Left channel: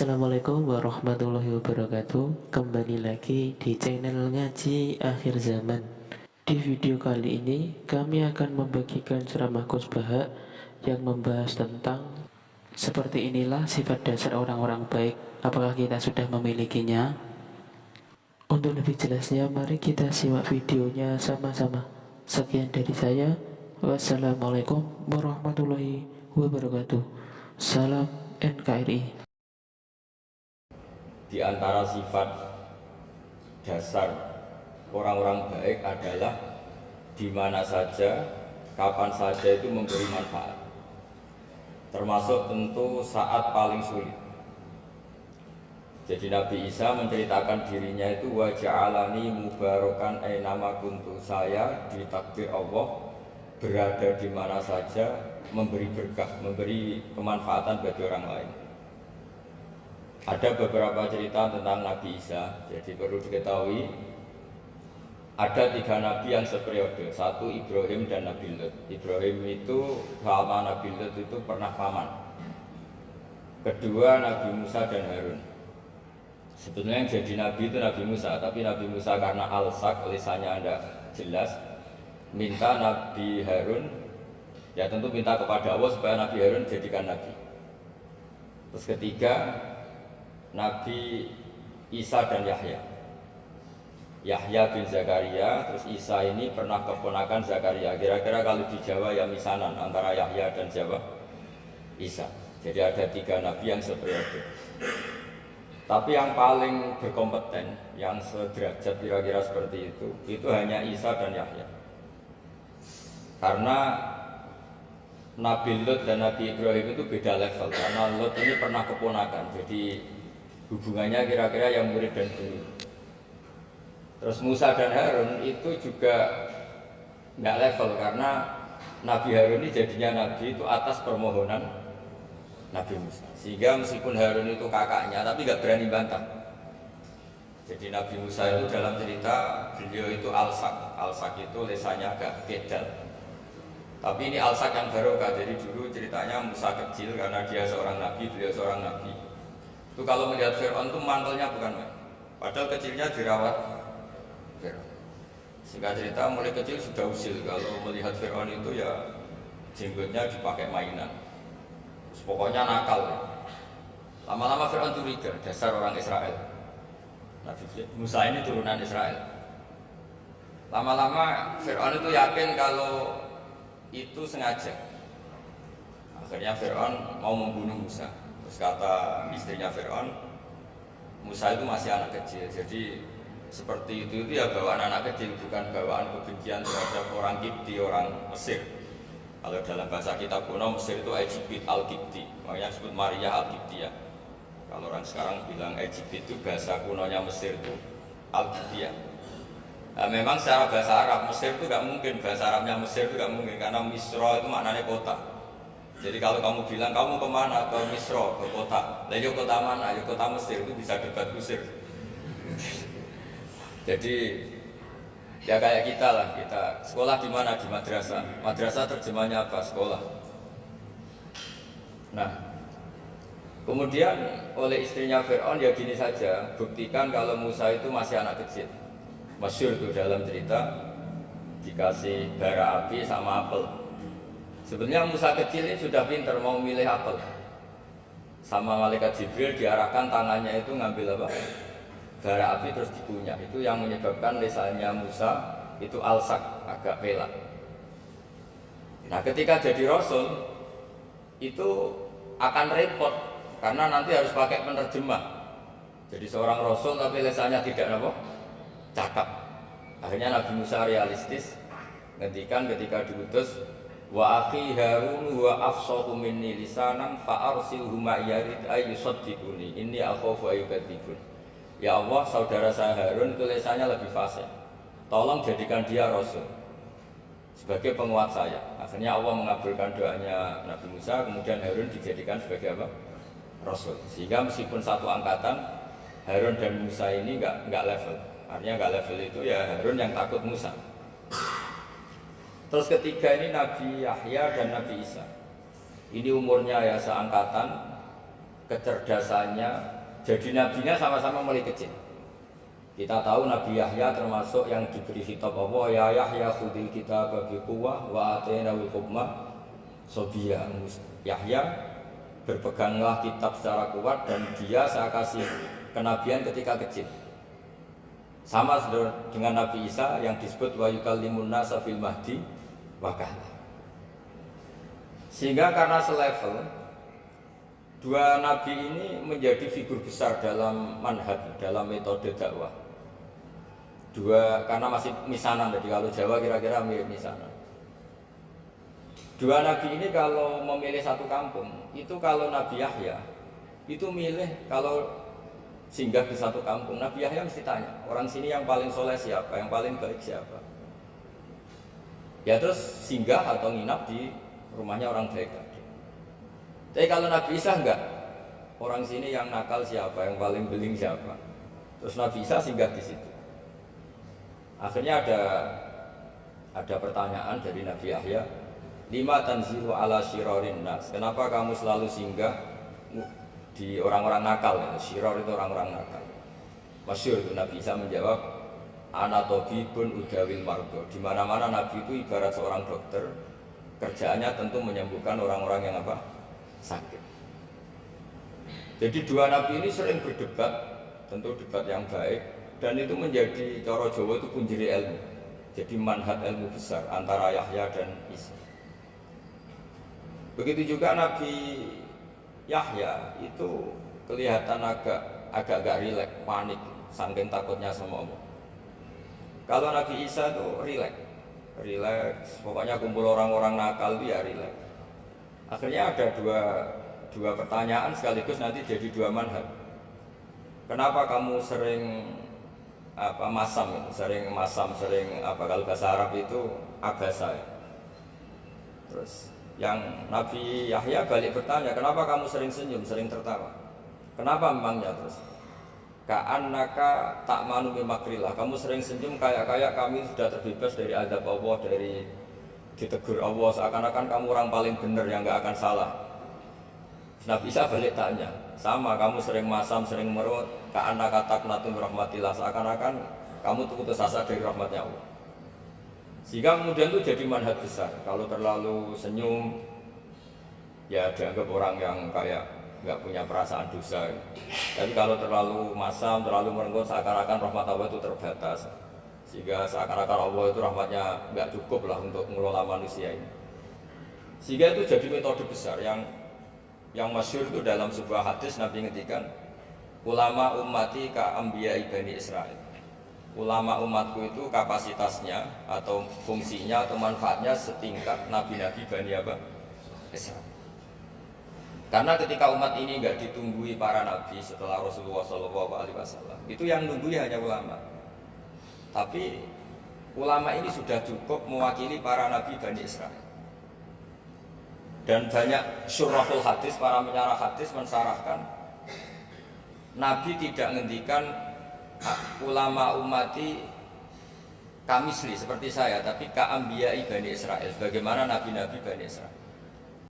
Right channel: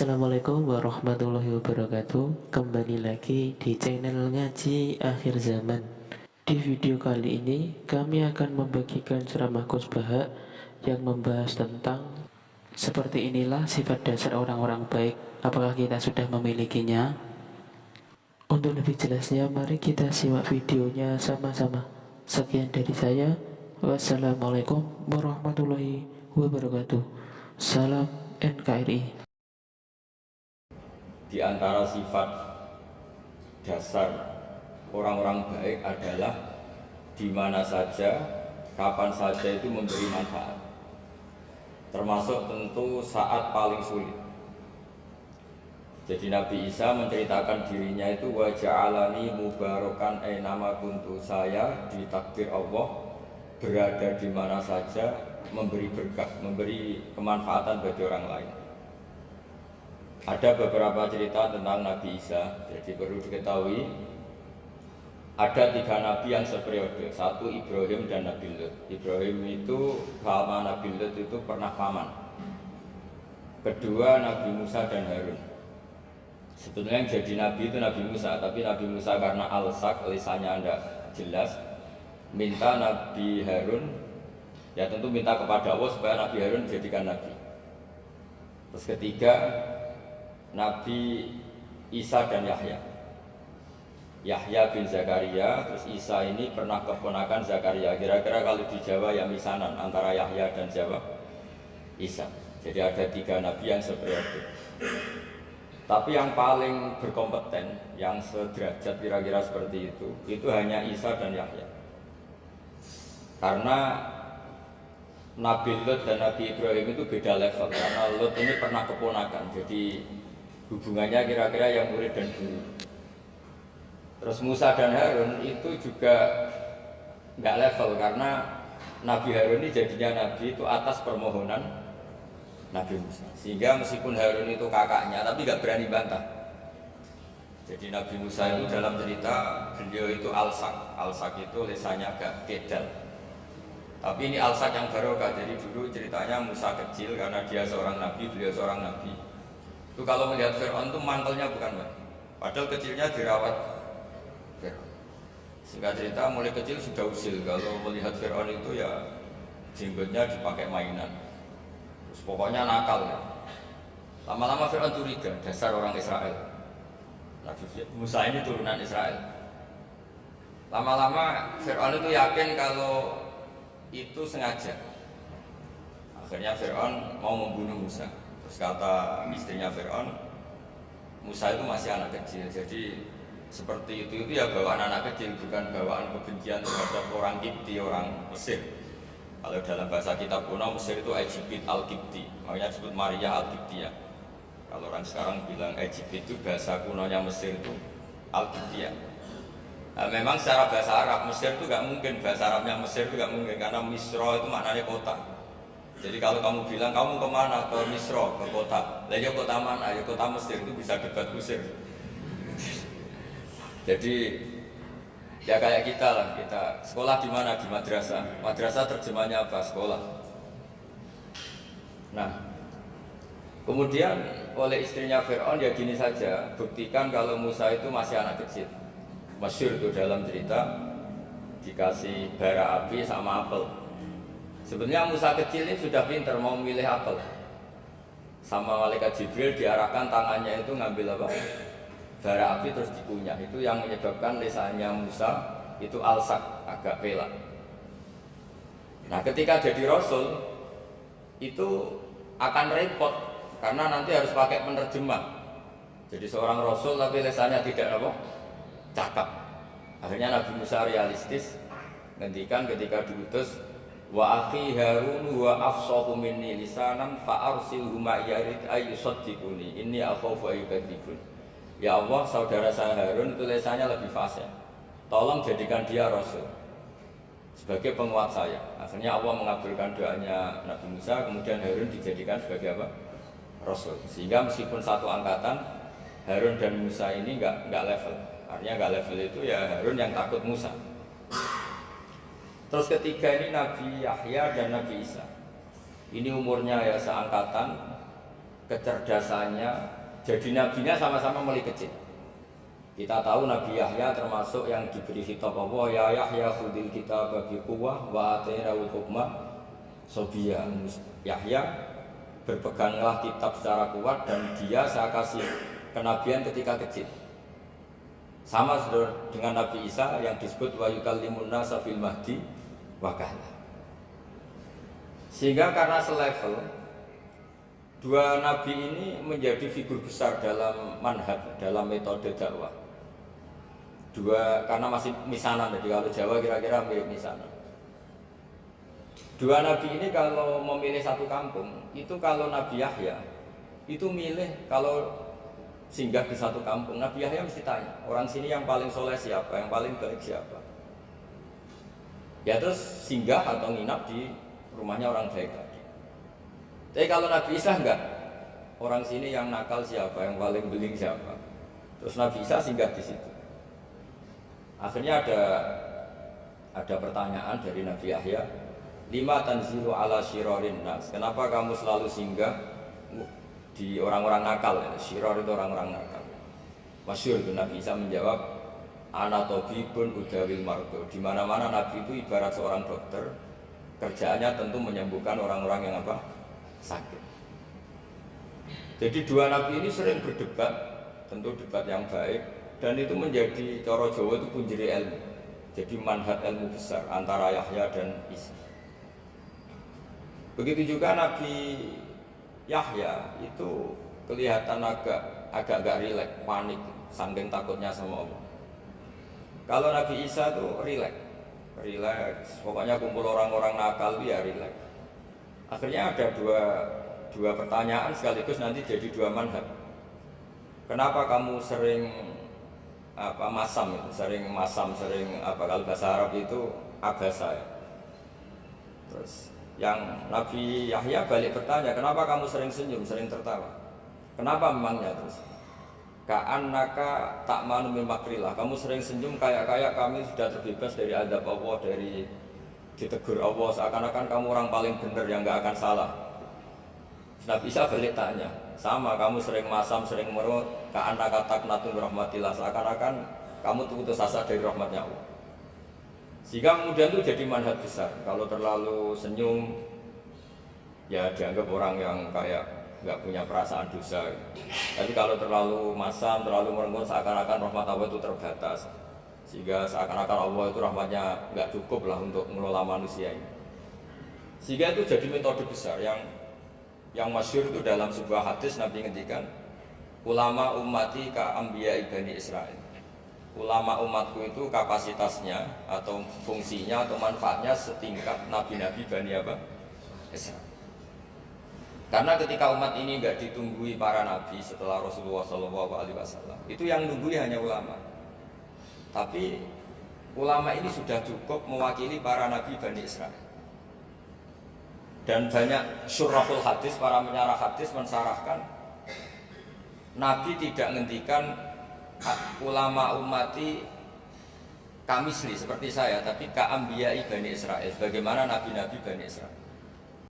Assalamualaikum warahmatullahi wabarakatuh. Kembali lagi di channel Ngaji Akhir Zaman. Di video kali ini kami akan membagikan ceramah Gus Baha yang membahas tentang seperti inilah sifat dasar orang-orang baik. Apakah kita sudah memilikinya? Untuk lebih jelasnya mari kita simak videonya sama-sama. Sekian dari saya. Wassalamualaikum warahmatullahi wabarakatuh. Salam NKRI. Di antara sifat dasar orang-orang baik adalah di mana saja, kapan saja itu memberi manfaat. Termasuk tentu saat paling sulit. Jadi Nabi Isa menceritakan dirinya itu wa ja'alani mubarakan ainama kuntu, saya ditakdir Allah berada di mana saja memberi berkah, memberi kemanfaatan bagi orang lain. Ada beberapa cerita tentang Nabi Isa, jadi perlu diketahui ada 3 nabi yang seperiode. Satu Ibrahim dan Nabi Lut. Ibrahim itu sama Nabi Lut itu pernah paman. Kedua Nabi Musa dan Harun. Sebetulnya yang jadi nabi itu Nabi Musa, tapi Nabi Musa karena alsak, lisannya tidak jelas, minta Nabi Harun, ya tentu minta kepada Allah supaya Nabi Harun jadikan nabi. Terus ketiga Nabi Isa dan Yahya. Yahya bin Zakaria, terus Isa ini pernah keponakan Zakaria. Kira-kira kalau di Jawa ya misanan antara Yahya dan Jawa Isa. Jadi ada 3 nabi yang seperiode. Tapi yang paling berkompeten, yang sederajat kira-kira seperti itu hanya Isa dan Yahya. Karena Nabi Lut dan Nabi Ibrahim itu beda level. Karena Lut ini pernah keponakan, jadi hubungannya kira-kira yang murid dan guru. Terus Musa dan Harun itu juga nggak level karena Nabi Harun ini jadinya nabi itu atas permohonan Nabi Musa. Sehingga meskipun Harun itu kakaknya tapi nggak berani bantah. Jadi Nabi Musa itu dalam cerita beliau itu alsak. Alsak itu lesannya agak kedal. Tapi ini alsak yang barokah. Jadi dulu ceritanya Musa kecil karena dia seorang nabi, beliau seorang nabi. Itu kalau melihat Fir'aun itu mantelnya bukan main. Padahal kecilnya dirawat Fir'aun. Singkat cerita mulai kecil sudah usil. Kalau melihat Fir'aun itu ya jenggotnya dipakai mainan. Terus pokoknya nakal ya. Lama-lama Fir'aun curiga, dasar orang Israel. Nabi Musa ini turunan Israel. Lama-lama Fir'aun itu yakin kalau itu sengaja. Akhirnya Fir'aun mau membunuh Musa. Terus kata istrinya Fir'aun, Musa itu masih anak kecil, jadi seperti itu ya bawaan anak kecil, bukan bawaan kebencian terhadap orang Kipti, orang Mesir. Kalau dalam bahasa kitab kuno Mesir itu Egypt al-Kipti, makanya disebut Maria al-Kiptiyah. Kalau orang sekarang bilang Egypt itu bahasa kunonya Mesir itu al-Kiptiyah. Nah, memang secara bahasa Arab Mesir itu gak mungkin, bahasa Arabnya Mesir itu gak mungkin karena Misra itu maknanya kota. Jadi kalau kamu bilang kamu kemana, ke Misra, ke kota, lah ya kota mana, ya kota Mesir, itu bisa debat kusir. Jadi ya kayak kita lah, kita sekolah di mana, di madrasah. Madrasah terjemahnya apa? Sekolah. Nah, kemudian oleh istrinya Fir'aun ya gini saja, buktikan kalau Musa itu masih anak kecil. Masyhur tuh dalam cerita dikasih bara api sama apel. Sebenarnya Musa kecil ini sudah pintar mau milih apel. Sama malaikat Jibril diarahkan tangannya itu ngambil apa? Bara api terus dikunyah. Itu yang menyebabkan lisannya Musa itu alsak, agak pelak. Nah, ketika jadi rasul itu akan repot karena nanti harus pakai penerjemah. Jadi seorang rasul tapi lisannya tidak apa? Cakap. Akhirnya Nabi Musa realistis ngendikan ketika diutus, wa akhi Harun wa afsahu minni lisanan fa arsilhu ma'yarid ayyusaddiquni inni akhafu ayyukadzibun. Ya Allah, saudara saya Harun itu lisannya lebih fasih. Tolong jadikan dia rasul sebagai penguat saya. Akhirnya Allah mengabulkan doanya Nabi Musa, kemudian Harun dijadikan sebagai apa? Rasul. Sehingga meskipun satu angkatan, Harun dan Musa ini enggak level. Artinya enggak level itu ya Harun yang takut Musa. Terus ketiga ini Nabi Yahya dan Nabi Isa. Ini umurnya ya seangkatan, kecerdasannya, jadi nabinya sama-sama mulai kecil. Kita tahu Nabi Yahya termasuk yang diberi khitab Allah, ya Yahya khudil kitaba biquwwah wa atainahul hukma sobiyya. Yahya, berpeganglah kitab secara kuat dan dia saya kasih kenabian ketika kecil. Sama dengan Nabi Isa yang disebut wa yukallimun nasa fil mahdi wa kahla. Sehingga karena selevel, dua nabi ini menjadi figur besar dalam manhaj, dalam metode dakwah. Dua, karena masih misanan, jadi kalau Jawa kira-kira mirip misanan. Dua nabi ini kalau memilih satu kampung, itu kalau Nabi Yahya itu milih kalau singgah di satu kampung, Nabi Yahya mesti tanya, orang sini yang paling soleh siapa, yang paling baik siapa. Ya terus singgah atau nginap di rumahnya orang baik tadi. Tapi kalau Nabi Isa enggak, orang sini yang nakal siapa, yang paling beling siapa. Terus Nabi Isa singgah di situ. Akhirnya ada pertanyaan dari Nabi Yahya, lima tanzilu ala syirarin nas. Kenapa kamu selalu singgah di orang-orang nakal? Ya? Syiror itu orang-orang nakal. Masyhur itu Nabi Isa menjawab, ana tabibun udawil mardo. Di mana-mana Nabi itu ibarat seorang dokter, kerjaannya tentu menyembuhkan orang-orang yang apa? Sakit. Jadi dua nabi ini sering berdebat, tentu debat yang baik, dan itu menjadi cara Jawa itu punjeri ilmu. Jadi manhaj ilmu besar antara Yahya dan Isa. Begitu juga Nabi Yahya itu kelihatan agak rileks, panik, saking takutnya sama Allah. Kalau Nabi Isa itu rileks, pokoknya kumpul orang-orang nakal itu ya rileks. Akhirnya ada dua pertanyaan sekaligus nanti jadi dua manhaj. Kenapa kamu sering masam itu, sering kalau bahasa Arab itu abasa ya. Terus yang Nabi Yahya balik bertanya, kenapa kamu sering senyum, sering tertawa? Kenapa memangnya? Terus ka'annaka ta'manu min makrillah, kamu sering senyum kayak kami sudah terbebas dari azab Allah, dari ditegur Allah, seakan-akan kamu orang paling benar yang gak akan salah. Nabi Isa balik tanya, sama kamu sering masam, sering merut, ka'annaka taqnatun rahmatillah, seakan-akan kamu tuh putus asa dari rahmatnya Allah. Sehingga kemudian itu jadi manhaj besar. Kalau terlalu senyum, ya dianggap orang yang kayak nggak punya perasaan dosa. Tapi kalau terlalu masam, terlalu merenggut, seakan-akan rahmat Allah itu terbatas. Sehingga seakan-akan Allah itu rahmatnya nggak cukup lah untuk mengelola manusia ini. Sehingga itu jadi metode besar yang masyhur itu dalam sebuah hadis Nabi ngendikan, ulama ummati ka anbiya Bani Israil. Ulama umatku itu kapasitasnya atau fungsinya atau manfaatnya setingkat nabi-nabi Bani Israil. Karena ketika umat ini nggak ditunggui para nabi setelah Rasulullah SAW, itu yang nunggui hanya ulama. Tapi ulama ini sudah cukup mewakili para nabi Bani Israil. Dan banyak syurahul hadis, para penyarah hadis mensarahkan, Nabi tidak ngendikan ulama ummati kamisli seperti saya, tapi ka'ambiyai Bani Israil, bagaimana nabi-nabi Bani Israil.